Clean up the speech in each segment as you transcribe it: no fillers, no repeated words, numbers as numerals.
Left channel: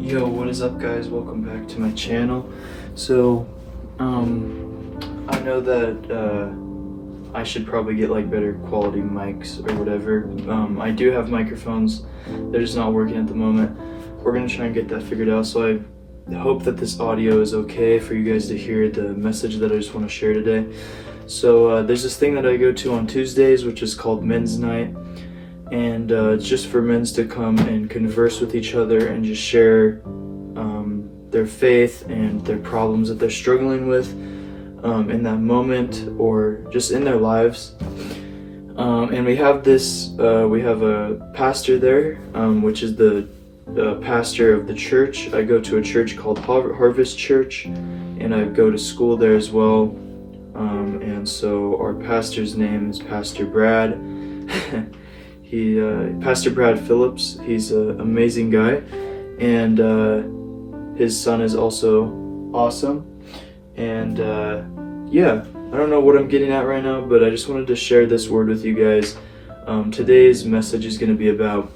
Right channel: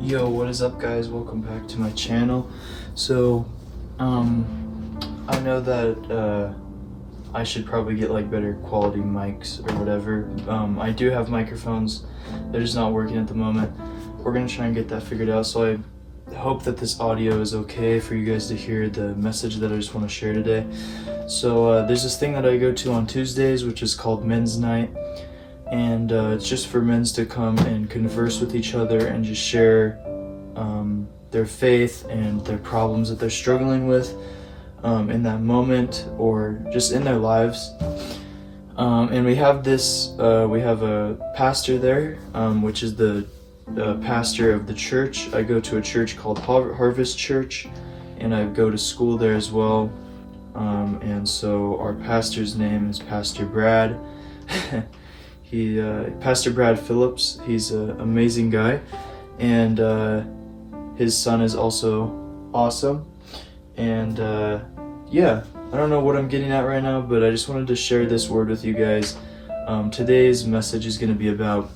Yo, what is up, guys? Welcome back to my channel. So, I know that I should probably get like better quality mics or whatever. I do have microphones, they're just not working at the moment. We're gonna try and get that figured out. So I hope that this audio is okay for you guys to hear the message that I just want to share today. So there's this thing that I go to on Tuesdays, which is called Men's Night. And it's just for men to come and converse with each other and just share their faith and their problems that they're struggling with in that moment or just in their lives. And we have a pastor there, which is the pastor of the church. I go to a church called Harvest Church, and I go to school there as well. And so our pastor's name is Pastor Brad. Pastor Brad Phillips. He's an amazing guy, and his son is also awesome. And yeah, I don't know what I'm getting at right now, but I just wanted to share this word with you guys. Today's message is going to be about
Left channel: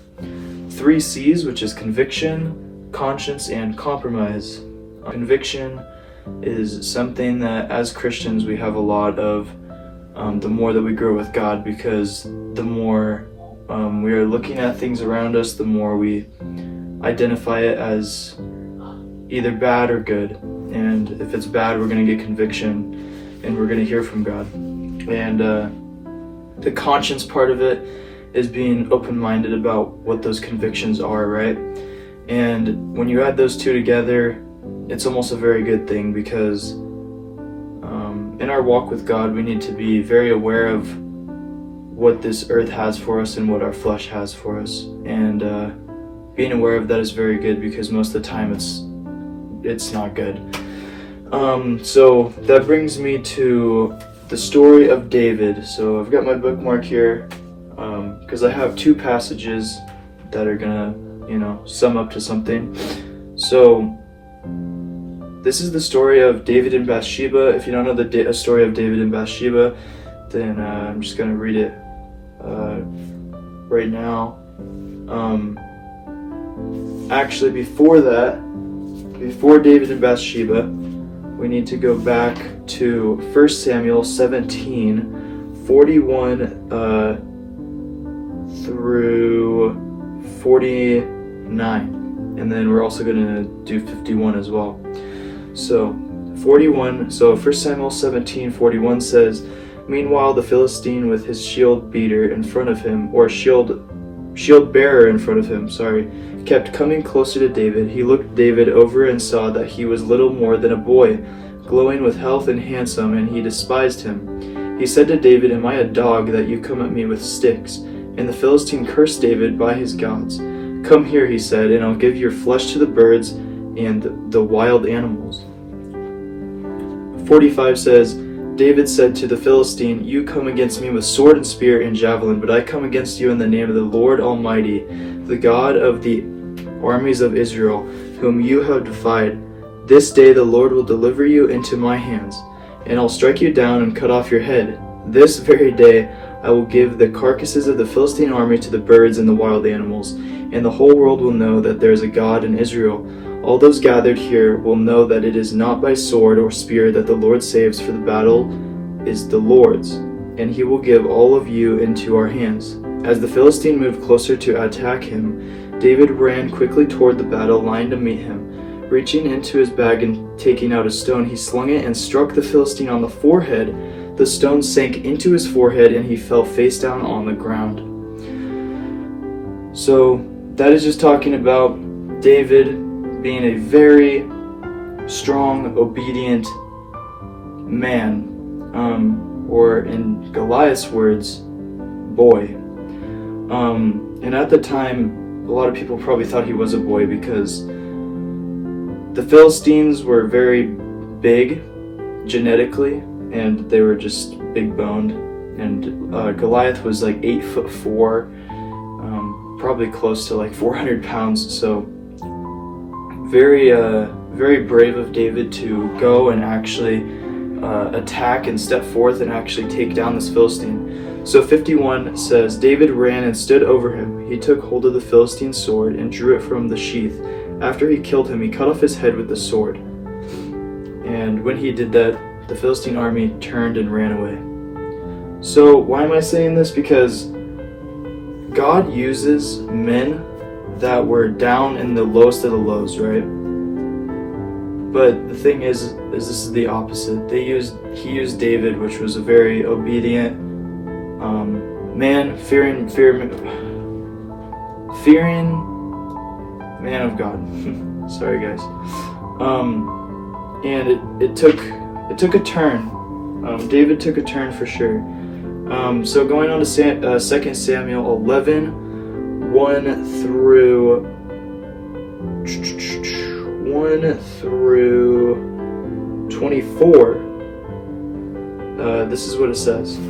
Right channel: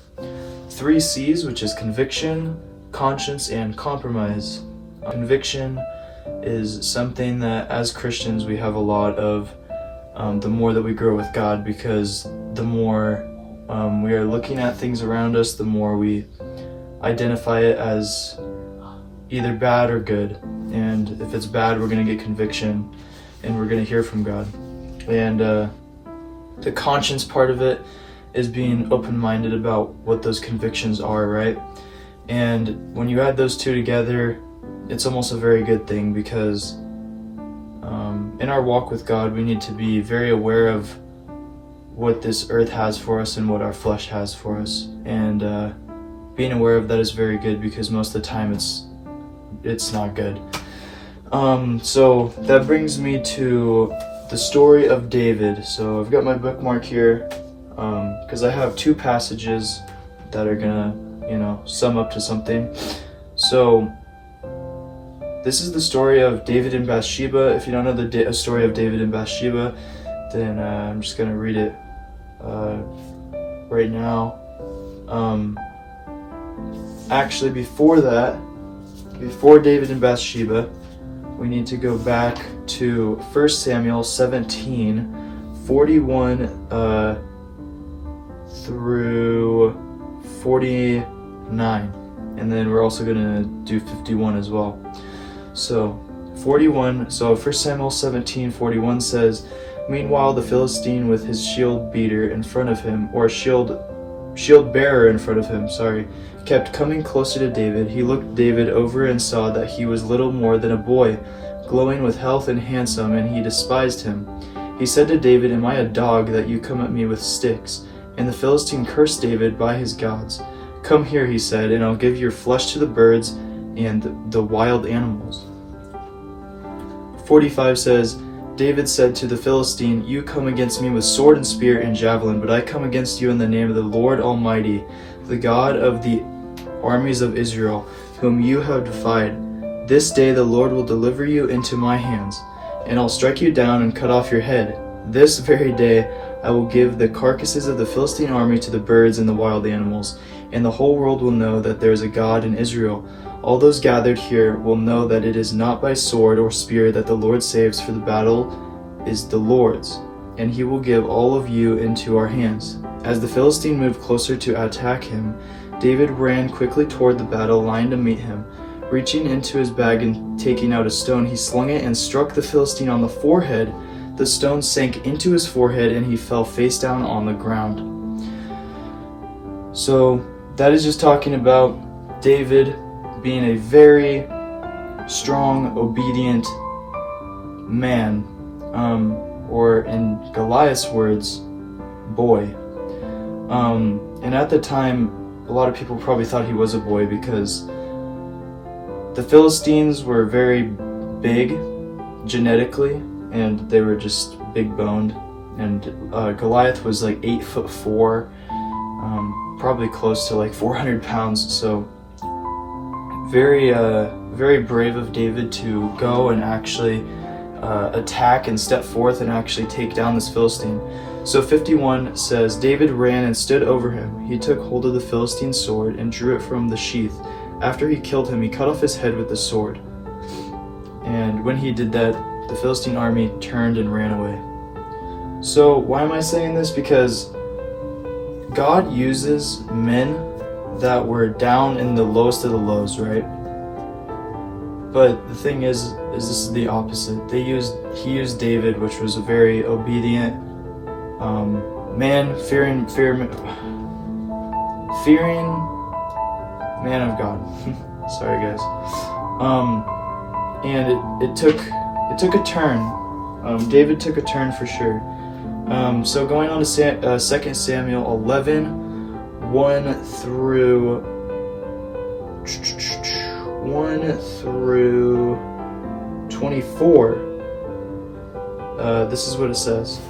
3 C's, which is conviction, conscience, and compromise. Conviction is something that as Christians we have a lot of the more that we grow with God, because the more we are looking at things around us, the more we identify it as either bad or good. And if it's bad, we're going to get conviction and we're going to hear from God. And the conscience part of it is being open-minded about what those convictions are, right? And when you add those two together, it's almost a very good thing, because in our walk with God, we need to be very aware of what this earth has for us and what our flesh has for us. And being aware of that is very good, because most of the time it's not good. So that brings me to the story of David. So I've got my bookmark here because I have 2 passages that are gonna, sum up to something. So this is the story of David and Bathsheba. If you don't know the story of David and Bathsheba, then I'm just gonna read it right now. Actually, before David and Bathsheba, we need to go back to 1 Samuel 17, 41 through 49. And then we're also going to do 51 as well. So 1 Samuel 17, 41 says, "Meanwhile, the Philistine with his shield bearer in front of him, kept coming closer to David. He looked David over and saw that he was little more than a boy, glowing with health and handsome, and he despised him. He said to David, 'Am I a dog that you come at me with sticks?' And the Philistine cursed David by his gods. 'Come here,' he said, 'and I'll give your flesh to the birds and the wild animals.'" 45 says, "David said to the Philistine, 'You come against me with sword and spear and javelin, but I come against you in the name of the Lord Almighty, the God of the armies of Israel, whom you have defied. This day the Lord will deliver you into my hands, and I'll strike you down and cut off your head. This very day I will give the carcasses of the Philistine army to the birds and the wild animals, and the whole world will know that there is a God in Israel. All those gathered here will know that it is not by sword or spear that the Lord saves, for the battle is the Lord's, and he will give all of you into our hands." As the Philistine moved closer to attack him, David ran quickly toward the battle line to meet him. Reaching into his bag and taking out a stone, he slung it and struck the Philistine on the forehead. The stone sank into his forehead and he fell face down on the ground. So that is just talking about David being a very strong, obedient man, or in Goliath's words, boy. And at the time, a lot of people probably thought he was a boy, because the Philistines were very big genetically, and they were just big boned. And Goliath was like 8'4", probably close to like 400 pounds. So very brave of David to go and actually attack and step forth and actually take down this Philistine. So 51 says, "David ran and stood over him. He took hold of the Philistine's sword and drew it from the sheath. after he killed him, he cut off his head with the sword. And when he did that, the Philistine army turned and ran away. So why am I saying this? Because God uses men that were down in the lowest of the lows, right? But the thing is this is the opposite. He used David, which was a very obedient man, fearing man of God. Sorry, guys. And it took a turn. David took a turn for sure. So going on to 2 Samuel 11, 1 through 24, this is what it says.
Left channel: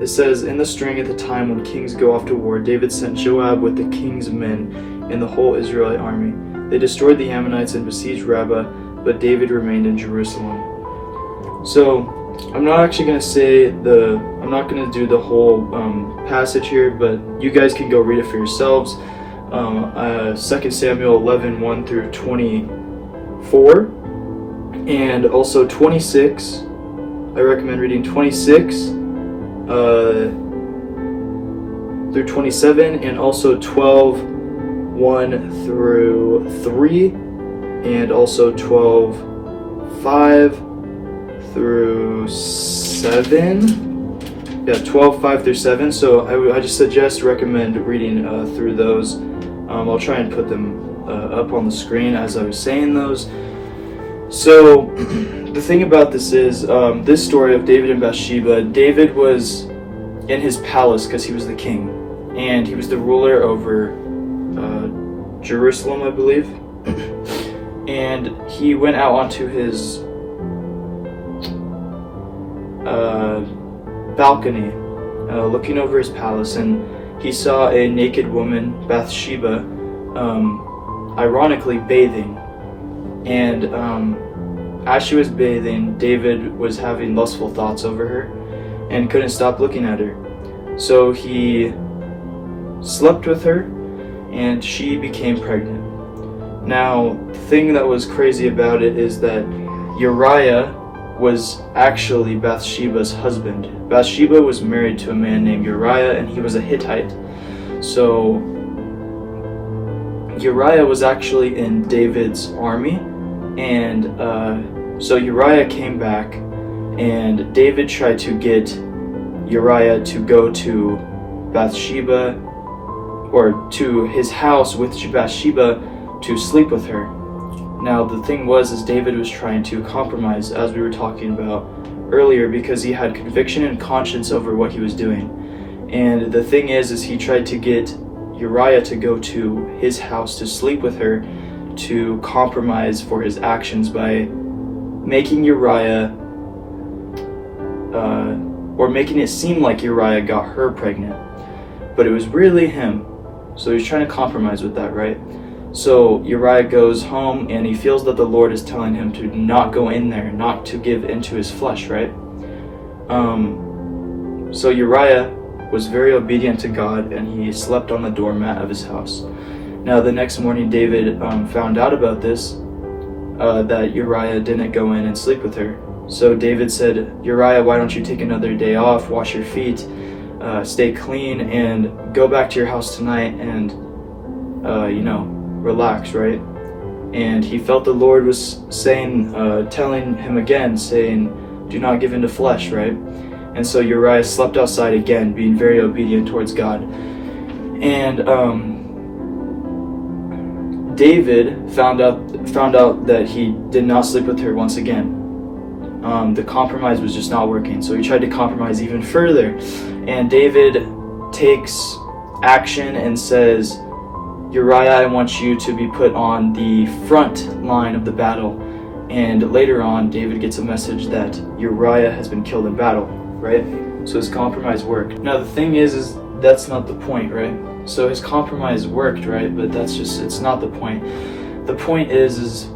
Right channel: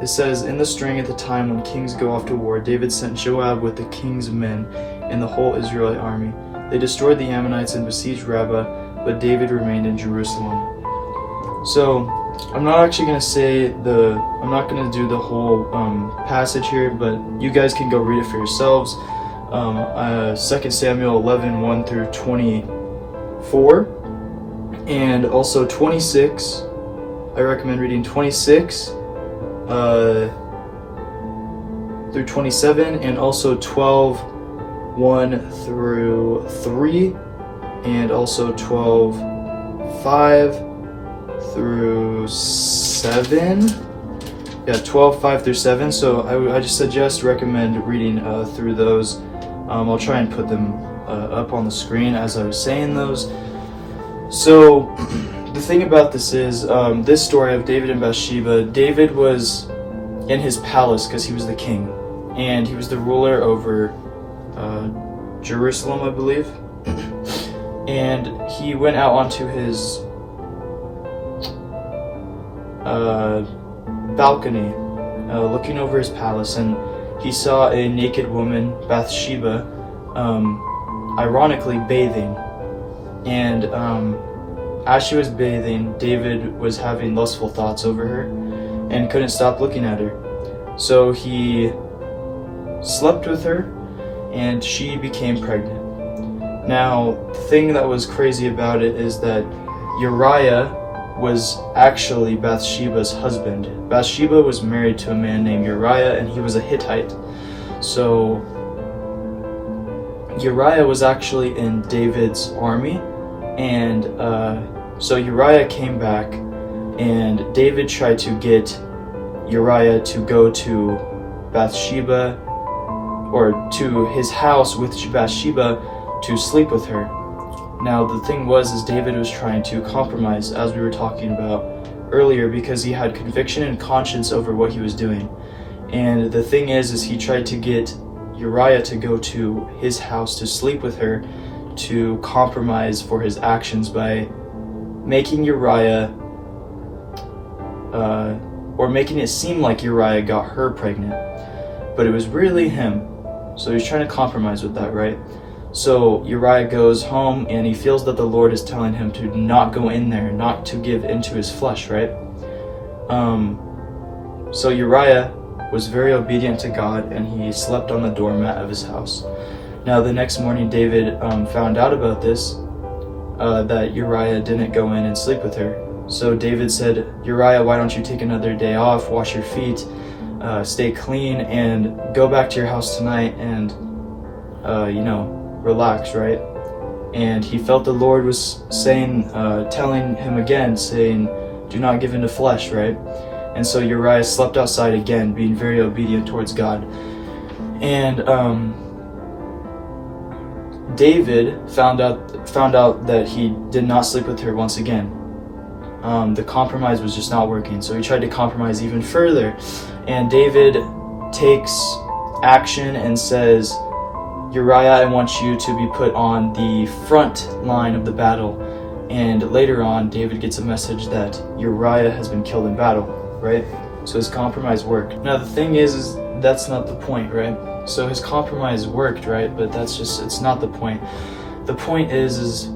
It says, in the string at the time when kings go off to war, David sent Joab with the king's men and the whole Israelite army. They destroyed the Ammonites and besieged Rabbah, but David remained in Jerusalem. So, I'm not actually going to say I'm not going to do the whole passage here, but you guys can go read it for yourselves. 2 Samuel 11, 1 through 24, and also 26. I recommend reading 26 through 27, and also 12, 1 through 3, and also 12, 5 through 7. Yeah, 12, 5 through 7. So I just recommend reading through those. I'll try and put them up on the screen as I was saying those. So the thing about this is this story of David and Bathsheba. David was in his palace because he was the king, and he was the ruler over Jerusalem, I believe. And he went out onto his balcony, looking over his palace, and he saw a naked woman, Bathsheba, ironically bathing. And as she was bathing, David was having lustful thoughts over her and couldn't stop looking at her. So he slept with her, and she became pregnant. Now, the thing that was crazy about it is that Uriah was actually Bathsheba's husband. Bathsheba was married to a man named Uriah, and he was a Hittite. So Uriah was actually in David's army, and so Uriah came back, and David tried to get Uriah to go to Bathsheba, or to his house with Bathsheba, to sleep with her. Now the thing was David was trying to compromise, as we were talking about earlier, because he had conviction and conscience over what he was doing. And the thing is he tried to get Uriah to go to his house to sleep with her, to compromise for his actions by making Uriah or making it seem like Uriah got her pregnant, but it was really him. So he's trying to compromise with that, right? So Uriah goes home, and he feels that the Lord is telling him to not go in there, not to give into his flesh, right? So Uriah was very obedient to God, and he slept on the doormat of his house. Now the next morning, David found out about this, that Uriah didn't go in and sleep with her. So David said, Uriah, why don't you take another day off, wash your feet, stay clean, and go back to your house tonight and, relax, right? And he felt the Lord was saying, telling him again, saying, do not give in to flesh, right? And so Uriah slept outside again, being very obedient towards God. And David found out that he did not sleep with her once again. The compromise was just not working, so he tried to compromise even further. And David takes action and says, Uriah, I want you to be put on the front line of the battle. And later on, David gets a message that Uriah has been killed in battle, right? So his compromise worked. Now the thing is that's not the point, right? So his compromise worked, right? But it's not the point. The point is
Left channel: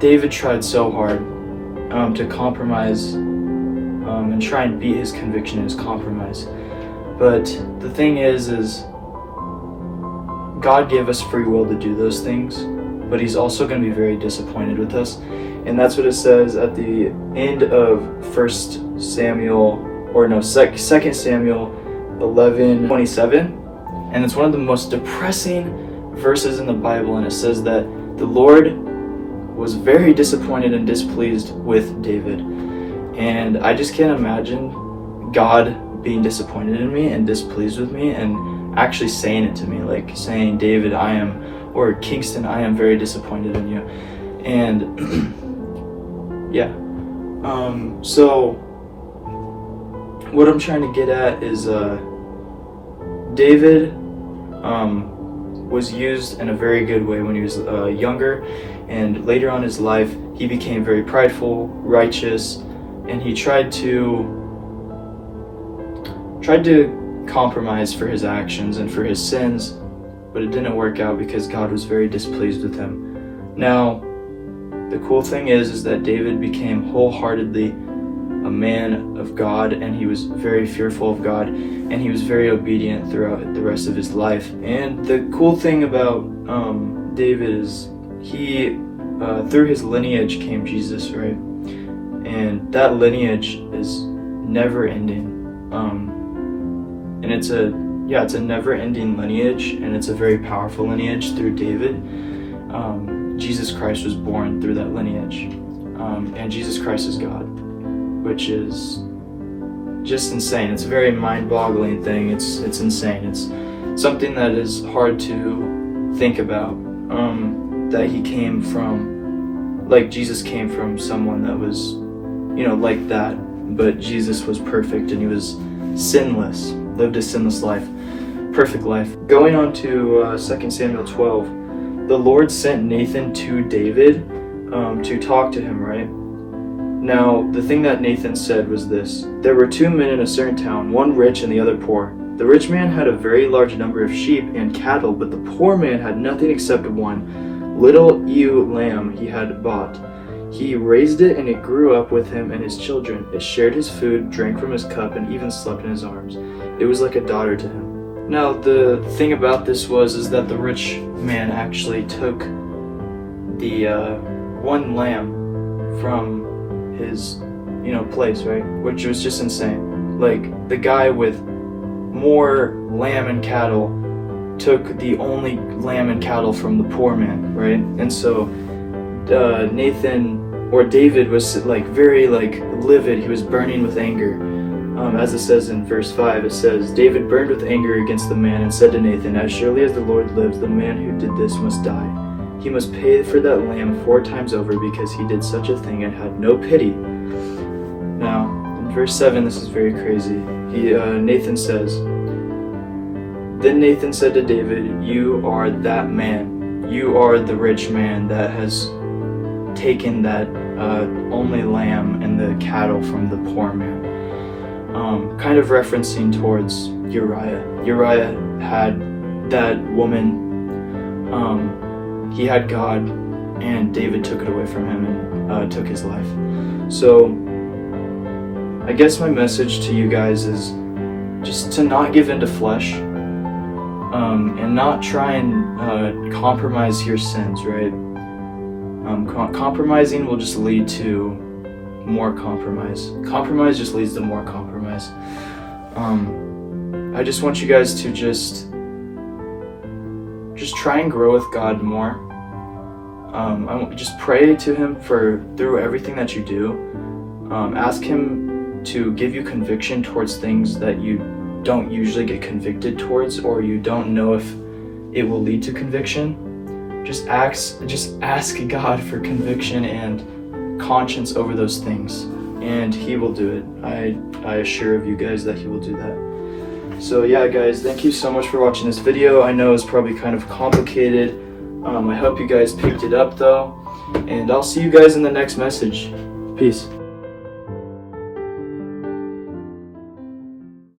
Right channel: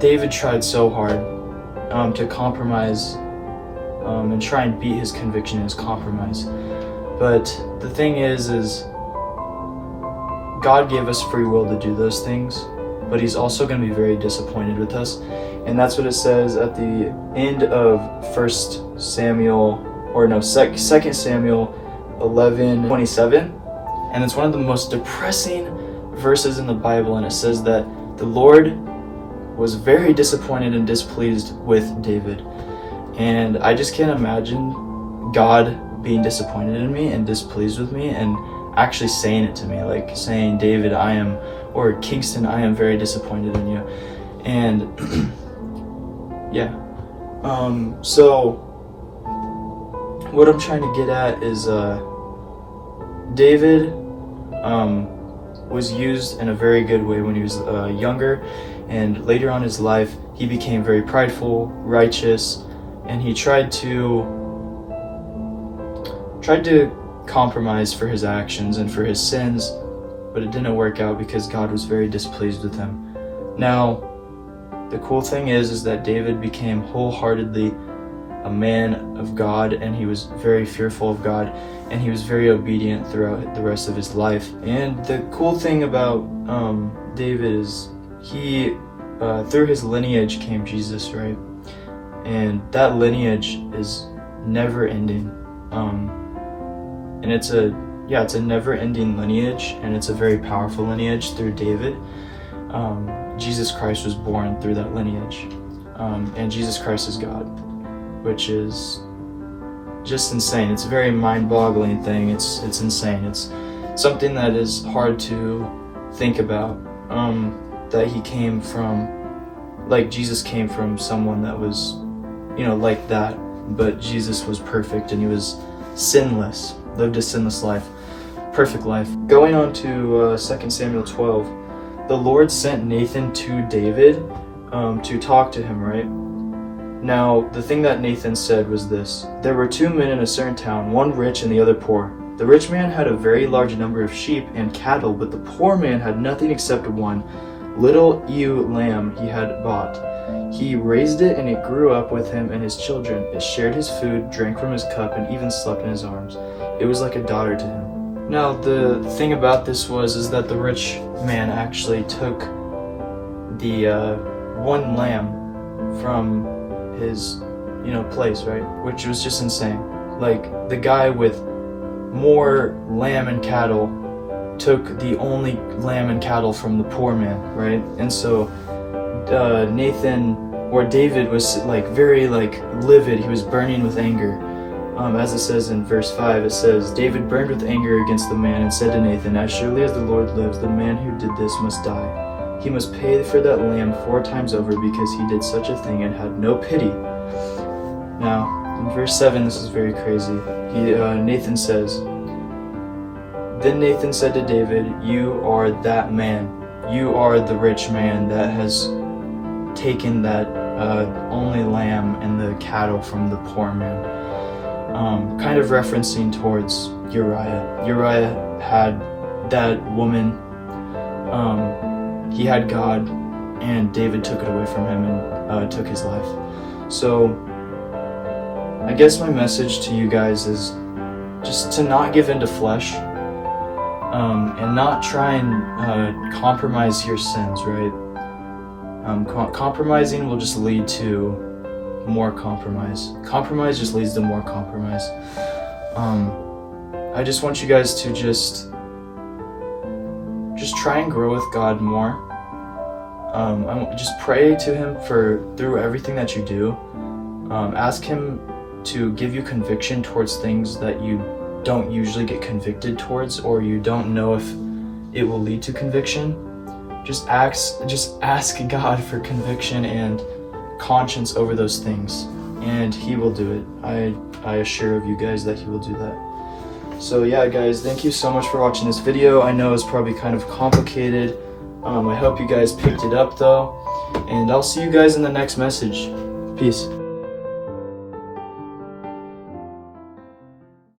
David tried so hard to compromise and try and beat his conviction and his compromise. But the thing is God gave us free will to do those things, but he's also going to be very disappointed with us. And that's what it says at the end of 2 Samuel 11:27. And it's one of the most depressing verses in the Bible, and it says that the Lord was very disappointed and displeased with David. And I just can't imagine God being disappointed in me and displeased with me and actually saying it to me, like saying, David, or Kingston, I am very disappointed in you. And yeah. So what I'm trying to get at is David was used in a very good way when he was younger, and later on in his life he became very prideful, righteous, and he tried to compromise for his actions and for his sins, but it didn't work out because God was very displeased with him. Now, the cool thing is that David became wholeheartedly a man of God, and he was very fearful of God, and he was very obedient throughout the rest of his life. And the cool thing about David is he, through his lineage came Jesus, right? And that lineage is never ending. And it's a never-ending lineage, and it's a very powerful lineage through David. Jesus Christ was born through that lineage, and Jesus Christ is God, which is just insane. It's a very mind-boggling thing. It's insane. It's something that is hard to think about. That he came from, like Jesus came from someone that was, like that, but Jesus was perfect and he was sinless. Lived a sinless life, perfect life. Going on to 2 Samuel 12, the Lord sent Nathan to David to talk to him, right? Now, the thing that Nathan said was this: there were 2 men in a certain town, one rich and the other poor. The rich man had a very large number of sheep and cattle, but the poor man had nothing except one little ewe lamb he had bought. He raised it, and it grew up with him and his children. It shared his food, drank from his cup, and even slept in his arms. It was like a daughter to him. Now, the thing about this is that the rich man actually took the one lamb from his, place, right? Which was just insane. Like, the guy with more lamb and cattle took the only lamb and cattle from the poor man, right? And so David was very livid. He was burning with anger. As it says in verse 5, it says, David burned with anger against the man and said to Nathan, as surely as the Lord lives, the man who did this must die. He must pay for that lamb 4 times over because he did such a thing and had no pity. Now, in verse 7, this is very crazy. Nathan says, then Nathan said to David, you are that man. You are the rich man that has taken that only lamb and the cattle from the poor man. Kind of referencing towards Uriah. Uriah had that woman. He had God, and David took it away from him and took his life. So I guess my message to you guys is just to not give into flesh, and not try and compromise your sins, right? Compromising will just lead to more compromise. Compromise just leads to more compromise. I just want you guys to just try and grow with God more. Just pray to him through everything that you do. Ask him to give you conviction towards things that you don't usually get convicted towards, or you don't know if it will lead to conviction. Just ask God for conviction and conscience over those things, and he will do it. I assure of you guys that he will do that. So yeah, guys, thank you so much for watching this video. I know it's probably kind of complicated. I hope you guys picked it up though, and I'll see you guys in the next message. Peace.